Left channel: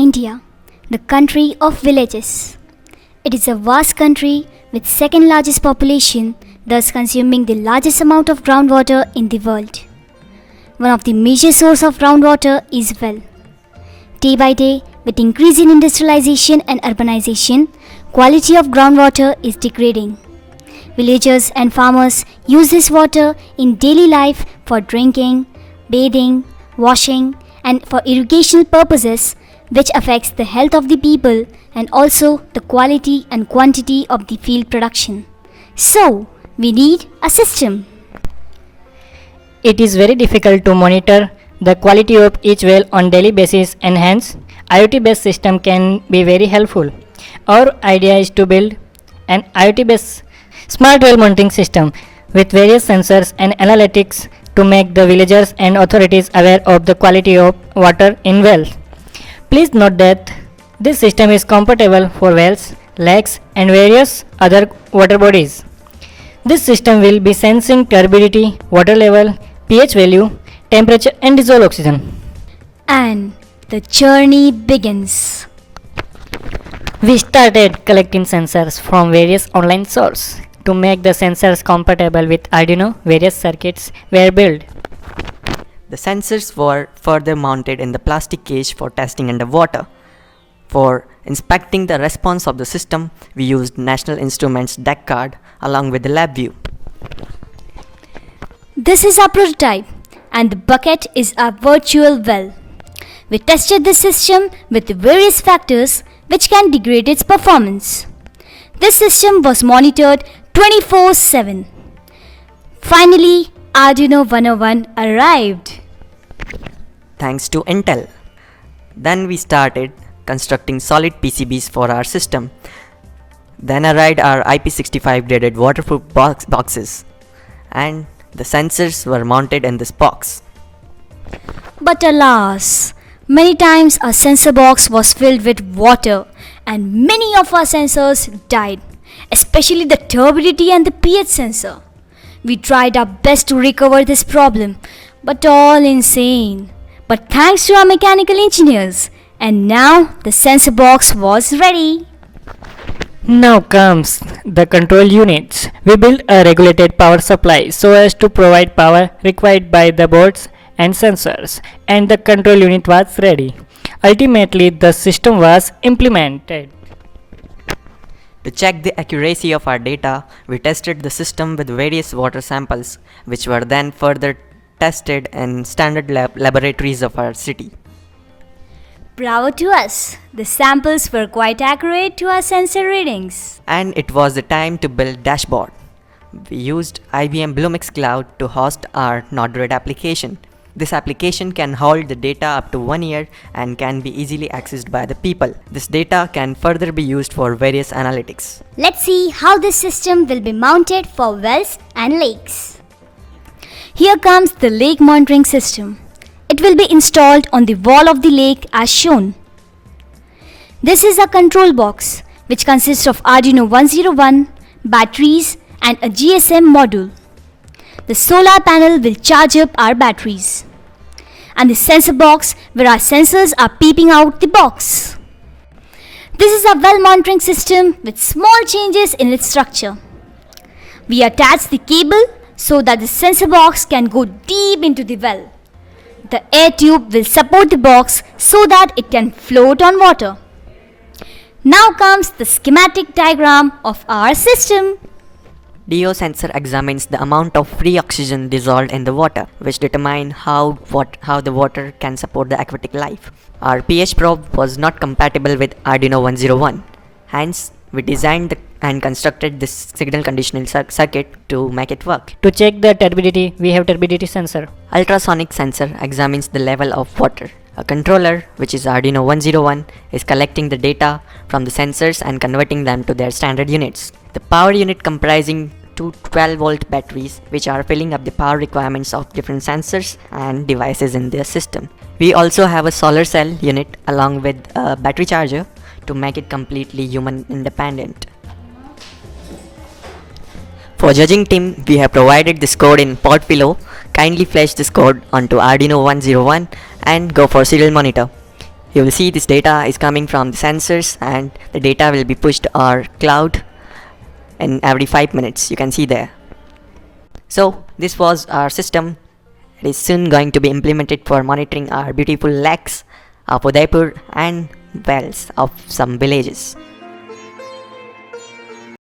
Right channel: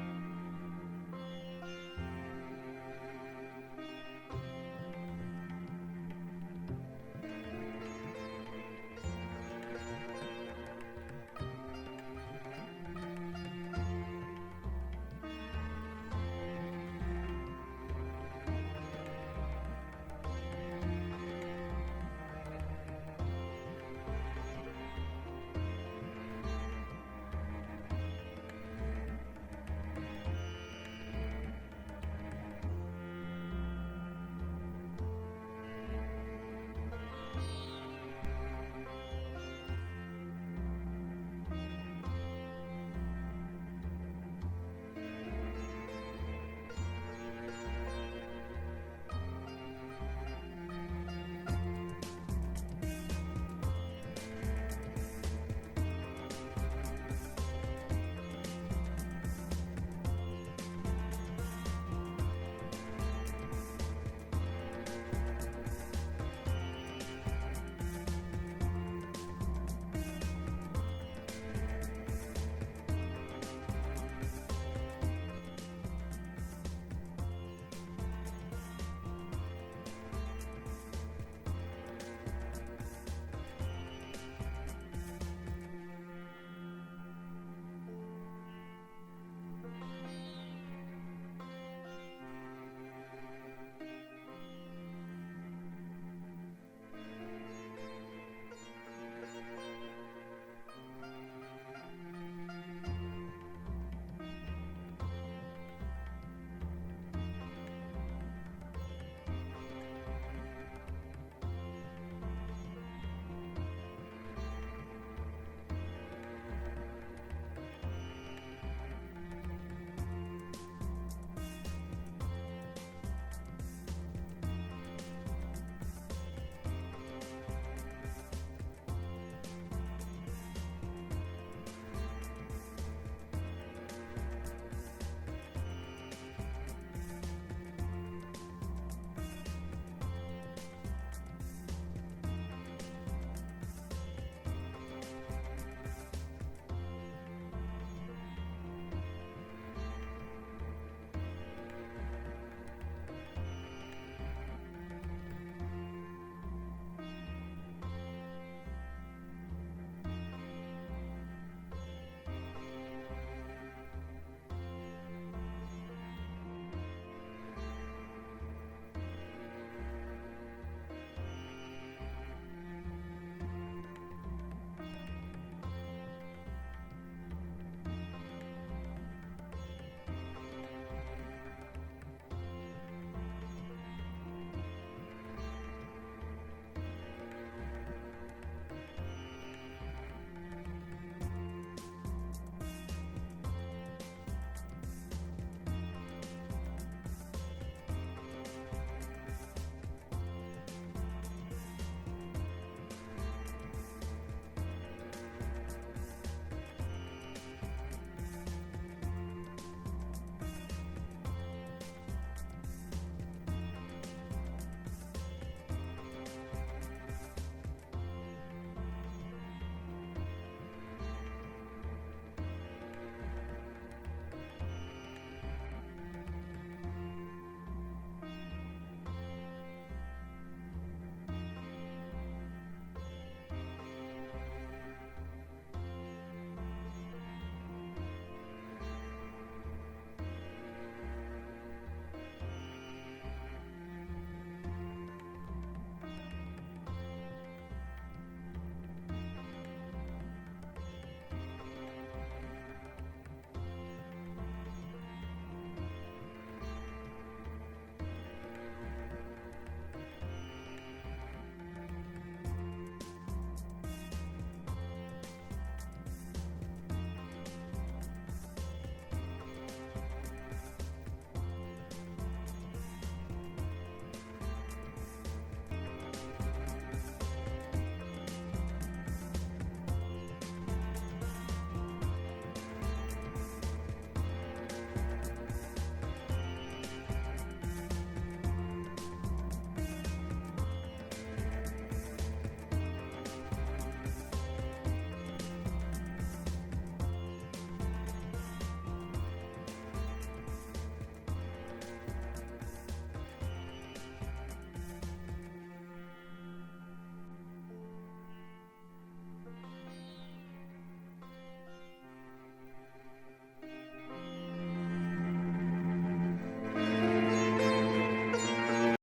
India, the country of villages. It is a vast country with second largest population, thus consuming the largest amount of groundwater in the world. One of the major sources of groundwater is well. Day by day, with increasing industrialization and urbanization, quality of groundwater is degrading. Villagers and farmers use this water in daily life for drinking, bathing, washing, and for irrigational purposes, which affects the health of the people and also the quality and quantity of the field production. So, we need a system. It is very difficult to monitor the quality of each well on daily basis, and hence IoT based system can be very helpful. Our idea is to build an IoT based smart well monitoring system with various sensors and analytics to make the villagers and authorities aware of the quality of water in wells. Please note that this system is compatible for wells, lakes and various other water bodies. This system will be sensing turbidity, water level, pH value, temperature and dissolved oxygen. And the journey begins. We started collecting sensors from various online sources. To make the sensors compatible with Arduino, various circuits were built. The sensors were further mounted in the plastic cage for testing underwater. For inspecting the response of the system, we used National Instruments DEC card along with the LabVIEW. This is our prototype, and the bucket is our virtual well. We tested this system with the various factors which can degrade its performance. This system was monitored 24/7. Finally, Arduino 101 arrived. Thanks to Intel. Then we started constructing solid PCBs for our system. Then arrived our IP65 graded waterproof boxes, and the sensors were mounted in this box. But alas, many times our sensor box was filled with water and many of our sensors died, especially the turbidity and the pH sensor. We tried our best to recover this problem, but all in vain. But thanks to our mechanical engineers, and now the sensor box was ready. Now comes the control units. We built a regulated power supply so as to provide power required by the boards and sensors, and the control unit was ready. Ultimately, the system was implemented. To check the accuracy of our data, we tested the system with various water samples, which were then further tested in standard laboratories of our city. Bravo to us! The samples were quite accurate to our sensor readings. And it was the time to build dashboard. We used IBM Bluemix Cloud to host our Node-RED application. This application can hold the data up to 1 year and can be easily accessed by the people. This data can further be used for various analytics. Let's see how this system will be mounted for wells and lakes. Here comes the lake monitoring system. It will be installed on the wall of the lake as shown. This is a control box which consists of Arduino 101, batteries and a GSM module. The solar panel will charge up our batteries. And the sensor box where our sensors are peeping out the box. This is a well monitoring system with small changes in its structure. We attach the cable so that the sensor box can go deep into the well. The air tube will support the box so that it can float on water. Now comes the schematic diagram of our system. DO sensor examines the amount of free oxygen dissolved in the water, which determine how the water can support the aquatic life. Our pH probe was not compatible with Arduino 101. Hence, we designed and constructed this signal conditioning circuit to make it work. To check the turbidity, we have turbidity sensor. Ultrasonic sensor examines the level of water. A controller, which is Arduino 101, is collecting the data from the sensors and converting them to their standard units. The power unit comprising two 12-volt batteries, which are filling up the power requirements of different sensors and devices in their system. We also have a solar cell unit along with a battery charger to make it completely human independent. For judging team, we have provided this code in Podpillow. Kindly flash this code onto Arduino 101 and go for serial monitor. You will see this data is coming from the sensors, and the data will be pushed to our cloud in every 5 minutes. You can see there. So this was our system. It is soon going to be implemented for monitoring our beautiful lakes of Udaipur and wells of some villages.